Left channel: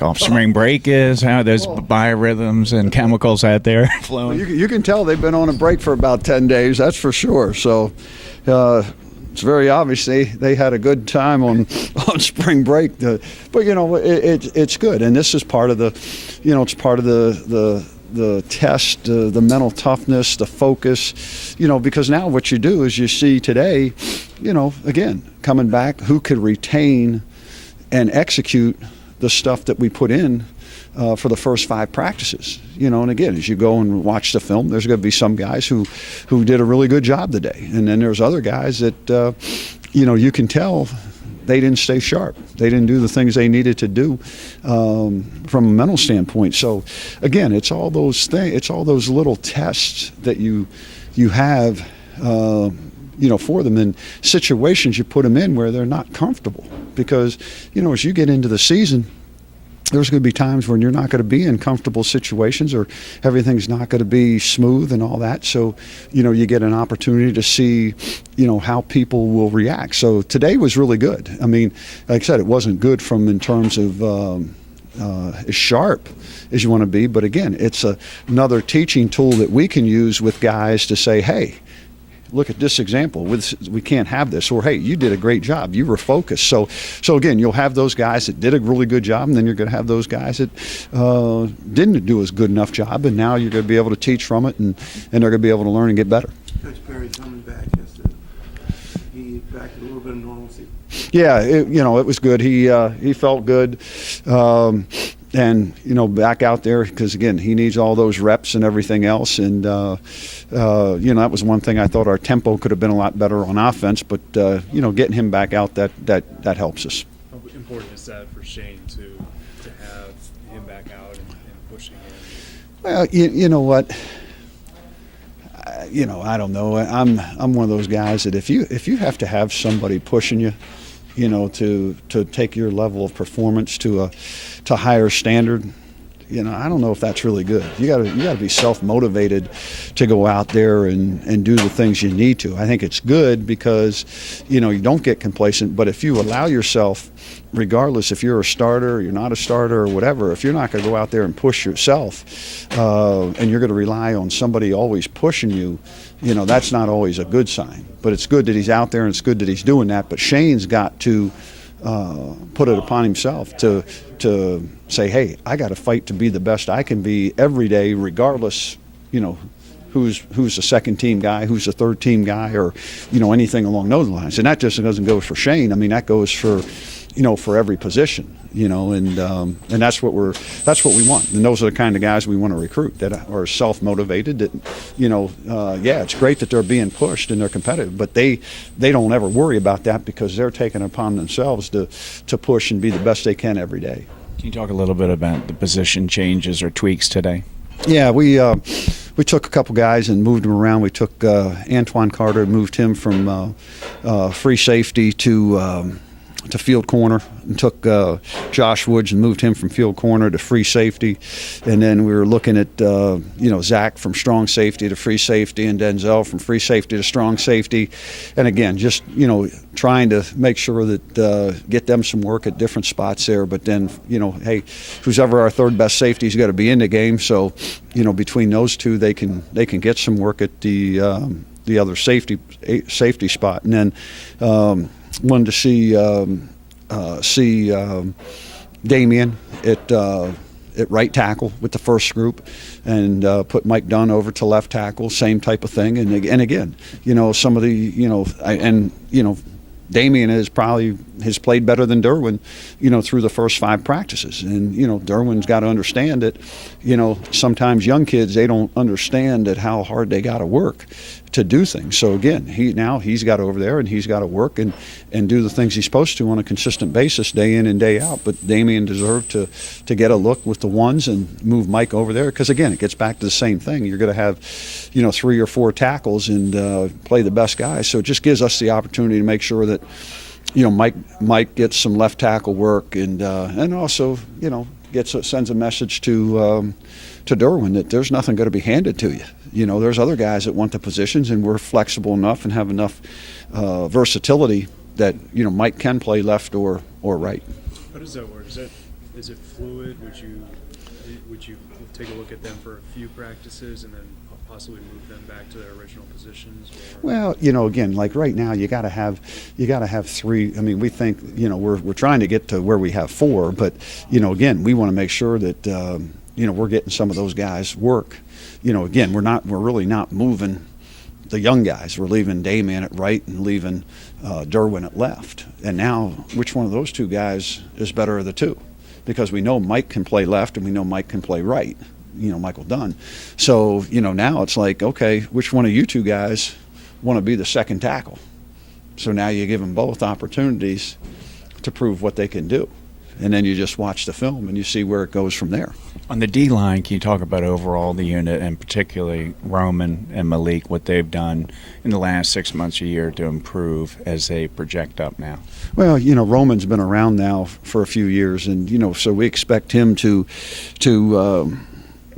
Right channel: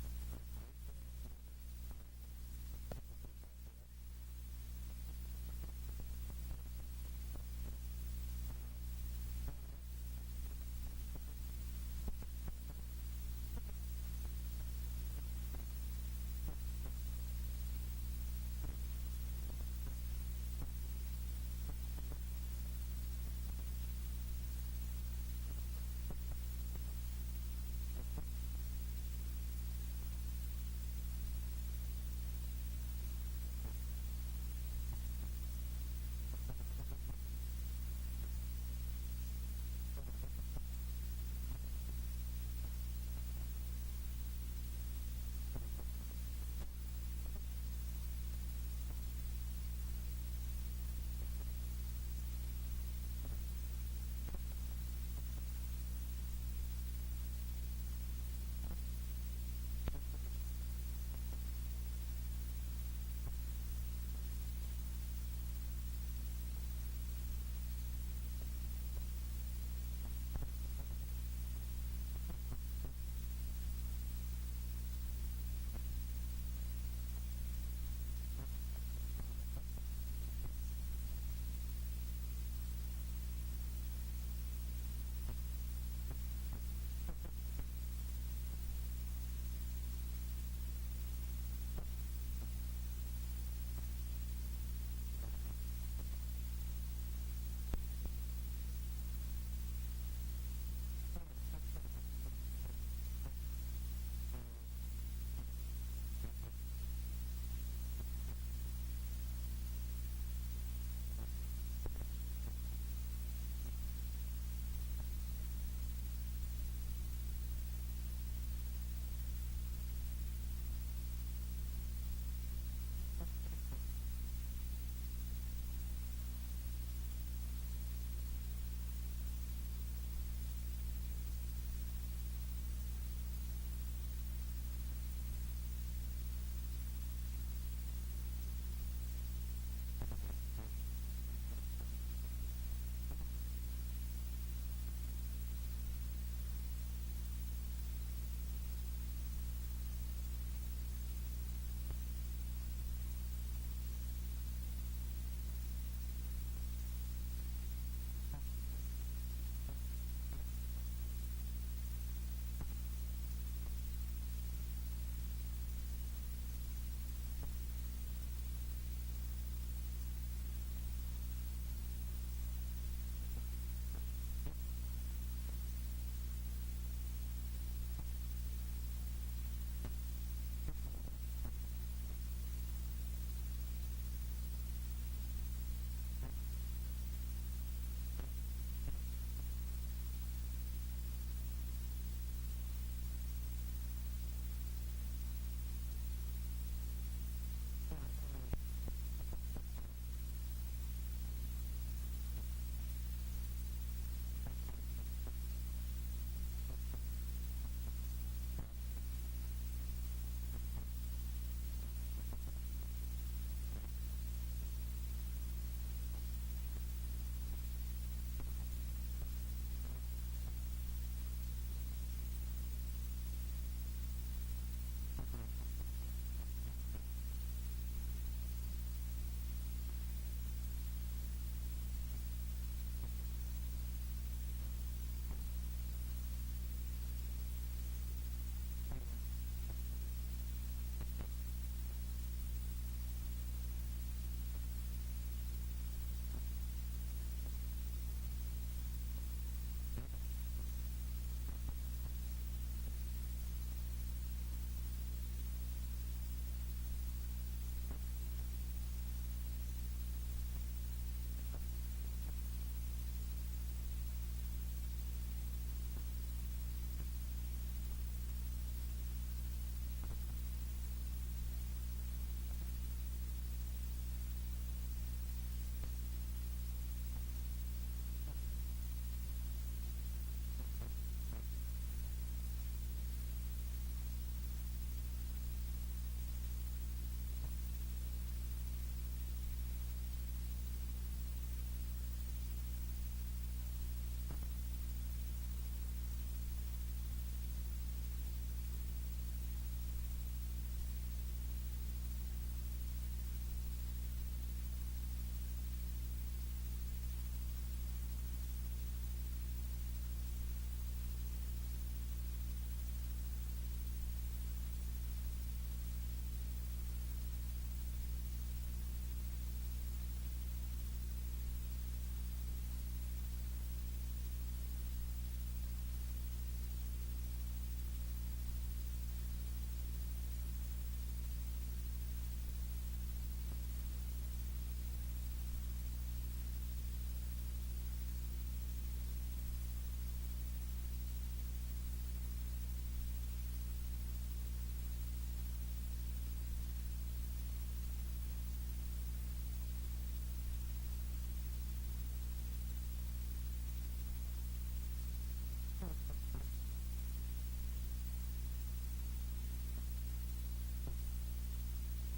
Off spring break is, how there's biorhythms and chemicals out there flowing. You can tell they've been on a break for about 10 days, that's for sure. So it's very obvious they had a good time on spring break. But, it's good. And this is part of it's part of the test, the mental toughness, the focus, because now what you do is you see today, again, coming back, who could retain and execute the stuff that we put in for the first 5 practices. And again, as you go and watch the film, there's going to be some guys who did a really good job today. And then there's other guys that, you can tell they didn't stay sharp. They didn't do the things they needed to do from a mental standpoint. So again, it's all those things, it's all those little tests that you have, for them in situations you put them in where they're not comfortable. Because, as you get into the season, there's going to be times when you're not going to be in comfortable situations or everything's not going to be smooth and all that. So, you get an opportunity to see, how people will react. So today was really good. I mean, like I said, it wasn't good in terms of as sharp as you want to be. But again, it's another teaching tool that we can use with guys to say, hey, look at this example. We can't have this. Or, hey, you did a great job. You were focused. So again, you'll have those guys that did a really good job, and then you're going to have those guys that didn't do as good enough job, and now you're going to be able to teach from it, and they're going to be able to learn and get better. Coach Perry coming back yesterday. He back to a little bit of normalcy. Yeah, it was good. He felt good. And back out there, because again, he needs all those reps and everything else. And that was one thing I thought our tempo could have been a lot better on offense. But getting him back out, that helps us. How important is that for Shane to have him back out and pushing him? Well, you know what? I don't know. I'm one of those guys that if you have to have somebody pushing you, to take your level of performance to higher standard, I don't know if that's really good. You gotta be self-motivated to go out there and do the things you need to. I think it's good because, you don't get complacent, but if you allow yourself, regardless if you're a starter or you're not a starter or whatever, if you're not going to go out there and push yourself and you're going to rely on somebody always pushing you, that's not always a good sign. But it's good that he's out there and it's good that he's doing that. But Shane's got to put it upon himself to say, hey, I got to fight to be the best I can be every day, regardless, who's the second team guy, who's the third team guy, or anything along those lines. And that just doesn't go for Shane. I mean, that goes for every position. And that's what we want. And those are the kind of guys we want to recruit that are self-motivated. That, it's great that they're being pushed and they're competitive, but they don't ever worry about that because they're taking it upon themselves to push and be the best they can every day. Can you talk a little bit about the position changes or tweaks today? Yeah, we took a couple guys and moved them around. We took Antoine Carter, moved him from free safety to field corner, and took Josh Woods and moved him from field corner to free safety. And then we were looking at Zach from strong safety to free safety, and Denzel from free safety to strong safety. And again, just trying to make sure that get them some work at different spots there. But then hey, who's ever our third best safety's got to be in the game. So between those two, they can get some work at the other safety spot. And then wanted to see Damian at right tackle with the first group, and put Mike Dunn over to left tackle, same type of thing. And again, some of the Damian has played better than Derwin, through the first 5 practices. And, Derwin's got to understand that, sometimes young kids, they don't understand that how hard they got to work to do things. So again, he's got over there and he's got to work and do the things he's supposed to on a consistent basis, day in and day out. But Damian deserved to get a look with the ones and move Mike over there, because again, it gets back to the same thing. You're going to have 3 or 4 tackles and play the best guy. So it just gives us the opportunity to make sure that Mike gets some left tackle work, and also sends a message to Derwin that there's nothing going to be handed to you. There's other guys that want the positions, and we're flexible enough and have enough versatility that Mike can play left or right. How does that work? Is that is it fluid? Would you take a look at them for a few practices and then possibly move them back to their original positions? Or? Well, again, like right now, you got to have 3. I mean, we think, we're trying to get to where we have 4, but again, we want to make sure that we're getting some of those guys work. Again, we're really not moving the young guys. We're leaving Damian at right and leaving Derwin at left. And now, which one of those 2 guys is better of the 2? Because we know Mike can play left and we know Mike can play right. Michael Dunn. So, now it's like, okay, which one of you 2 guys want to be the second tackle? So now you give them both opportunities to prove what they can do. And then you just watch the film and you see where it goes from there. On the D line, can you talk about overall the unit and particularly Roman and Malik, what they've done in the last 6 months, a year to improve as they project up now? Well, Roman's been around now for a few years, and so we expect him to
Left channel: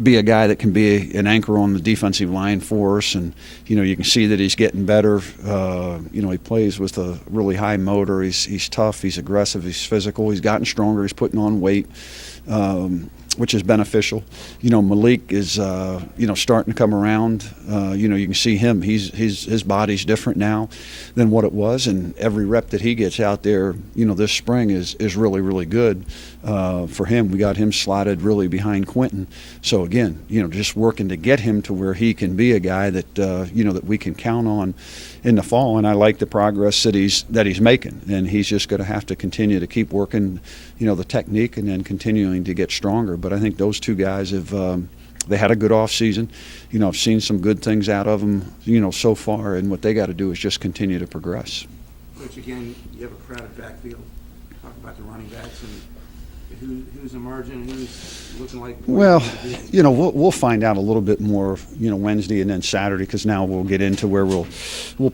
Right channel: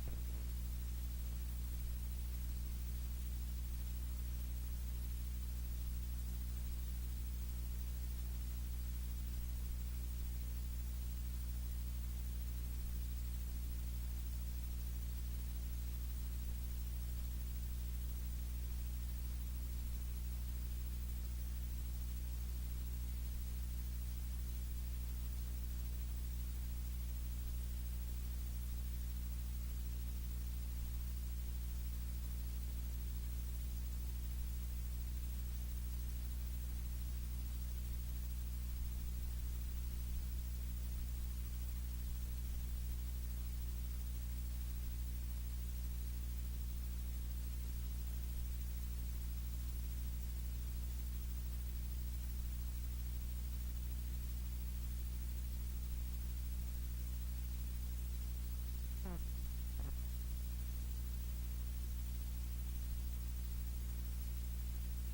be a guy that can be an anchor on the defensive line for us, and you can see that he's getting better. He plays with a really high motor. He's tough. He's aggressive. He's physical. He's gotten stronger. He's putting on weight, which is beneficial. Malik is starting to come around. You can see him. His body's different now than what it was, and every rep that he gets out there, this spring is really, really good for him. We got him slotted really behind Quentin. So again, just working to get him to where he can be a guy that that we can count on in the fall. And I like the progress that he's making, and he's just going to have to continue to keep working, the technique, and then continuing to get stronger. But I think those 2 guys have. They had a good off season. I've seen some good things out of them, so far, and what they got to do is just continue to progress. Coach, again, you have a crowded backfield. Talk about the running backs and who's emerging, who's looking like. Well, we'll find out a little bit more, Wednesday and then Saturday, because now we'll get into where we'll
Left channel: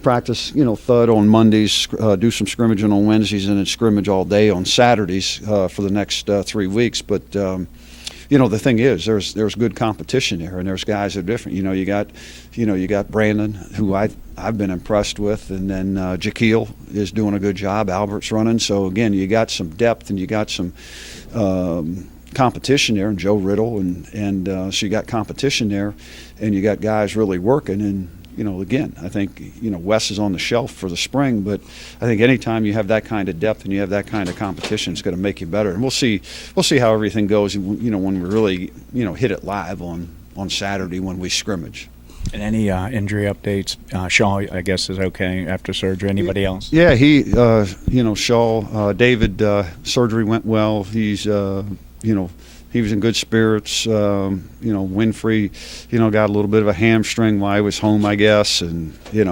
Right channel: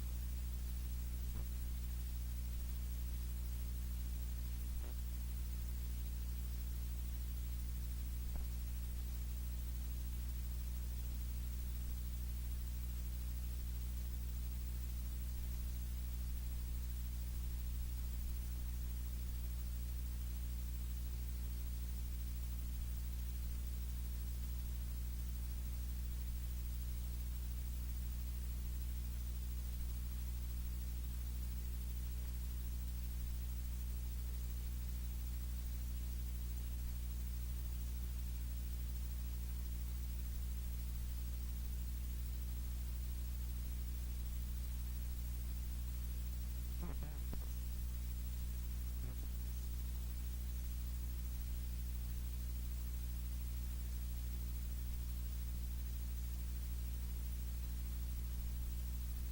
practice, thud on Mondays, do some scrimmaging on Wednesdays, and then scrimmage all day on Saturdays for the next 3 weeks. But the thing is, there's good competition there, and there's guys that are different. You got Brandon, who I've been impressed with, and then Jaquil is doing a good job. Albert's running. So again, you got some depth, and you got some competition there, and Joe Riddle, and so you got competition there, and you got guys really working. And again, I think Wes is on the shelf for the spring, but I think anytime you have that kind of depth and you have that kind of competition, it's going to make you better. And we'll see how everything goes. When we really hit it live on Saturday when we scrimmage. And any injury updates? Shaw, I guess, is okay after surgery. Anybody else? Yeah, Shaw, David, surgery went well. He's he was in good spirits. Winfrey, got a little bit of a hamstring while he was home, I guess, and he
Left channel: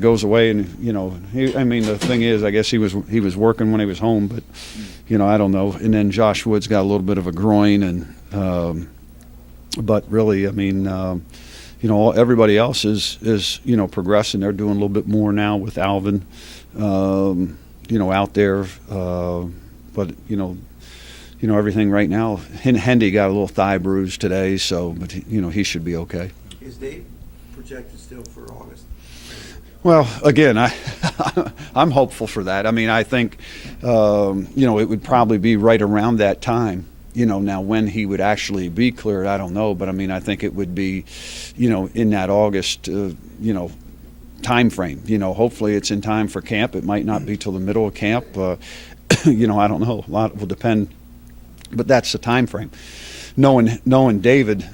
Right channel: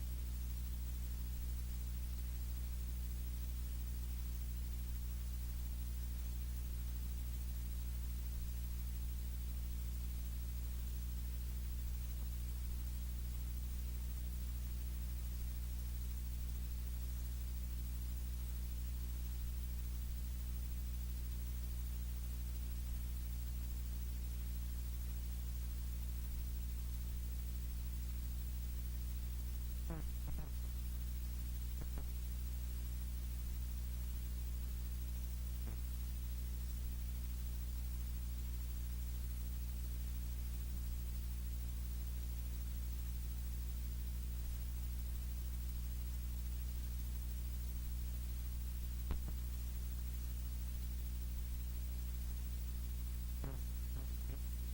goes away, and the thing is, I guess he was working when he was home, but I don't know. And then Josh Woods got a little bit of a groin, and but really, everybody else is progressing. They're doing a little bit more now with Alvin, out there, but everything right now. Hendy got a little thigh bruise today, so but he should be okay. Is Dave projected still for August? Well, again, I'm hopeful for that. I think it would probably be right around that time. Now when he would actually be cleared, I don't know, but I think it would be, in that August, time frame. Hopefully it's in time for camp. It might not be till the middle of camp. I don't know. A lot will depend. But that's the time frame. Knowing David,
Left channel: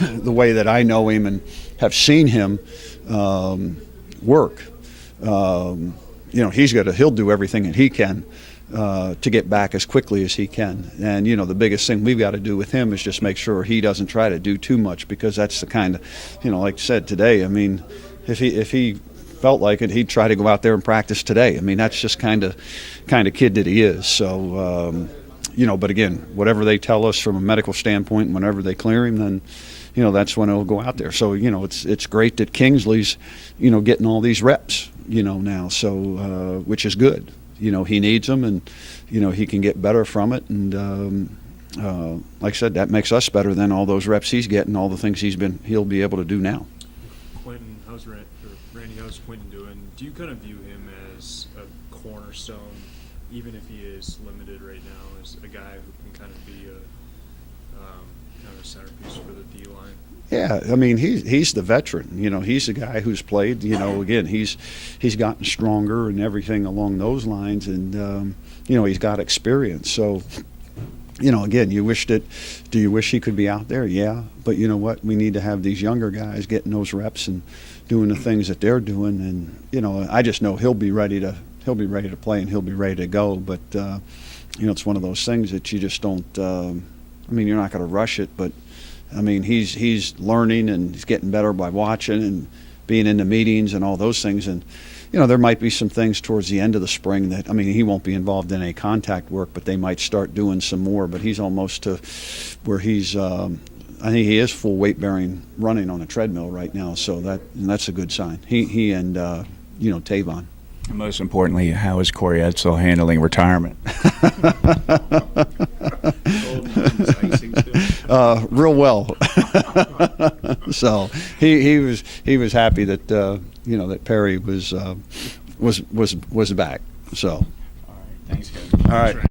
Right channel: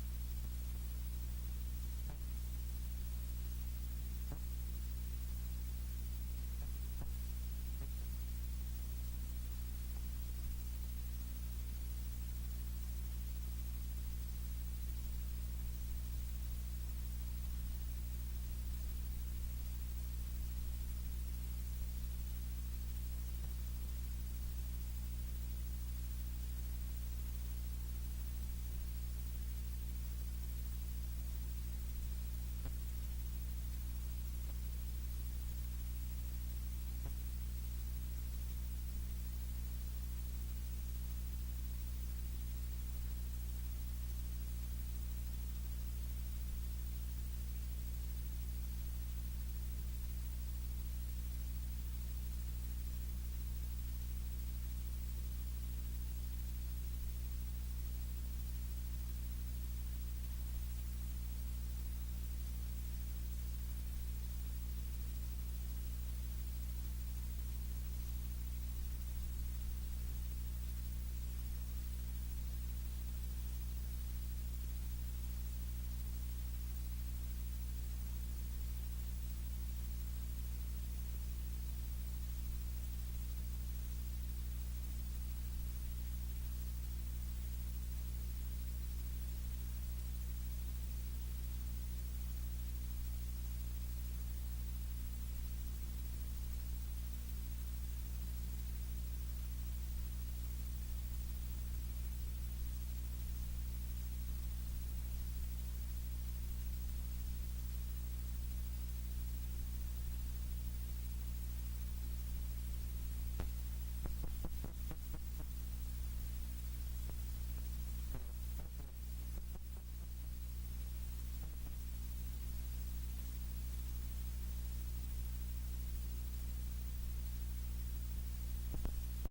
the way that I know him and have seen him work, he'll do everything that he can to get back as quickly as he can. And the biggest thing we've got to do with him is just make sure he doesn't try to do too much, because that's the kind of, like I said today. If he felt like it, he'd try to go out there and practice today. That's just kind of kid that he is. So. But again, whatever they tell us from a medical standpoint, whenever they clear him, then, that's when he'll go out there. So, it's great that Kingsley's, getting all these reps, now. So, which is good. He needs them, and, he can get better from it. And, like I said, that makes us better than all those reps he's getting, all the things he'll be able to do now. Quentin, Randy, how's Quentin doing? Do you kind of view him as a cornerstone, even if he is limited right now, as a guy who can kind of be a centerpiece for the D line. Yeah, I mean he's the veteran. You know, he's the guy who's played. You know, again he's gotten stronger and everything along those lines, and you know he's got experience. So, you know, again, do you wish he could be out there? Yeah, but you know what? We need to have these younger guys getting those reps and doing the things that they're doing. And you know, I just know he'll be ready to play and he'll be ready to go. But you know, it's one of those things that you just don't. I mean, you're not going to rush it, but I mean, he's learning and he's getting better by watching and being in the meetings and all those things. And you know, there might be some things towards the end of the spring that, I mean, he won't be involved in any contact work, but they might start doing some more. But he's almost to where he's, I think he is full weight bearing running on a treadmill right now. So that's a good sign. He and, you know, Tavon. And most importantly, how is Corey Edsel handling retirement? Real well. So he was happy that you know that Perry was back. So Thanks, guys. all right.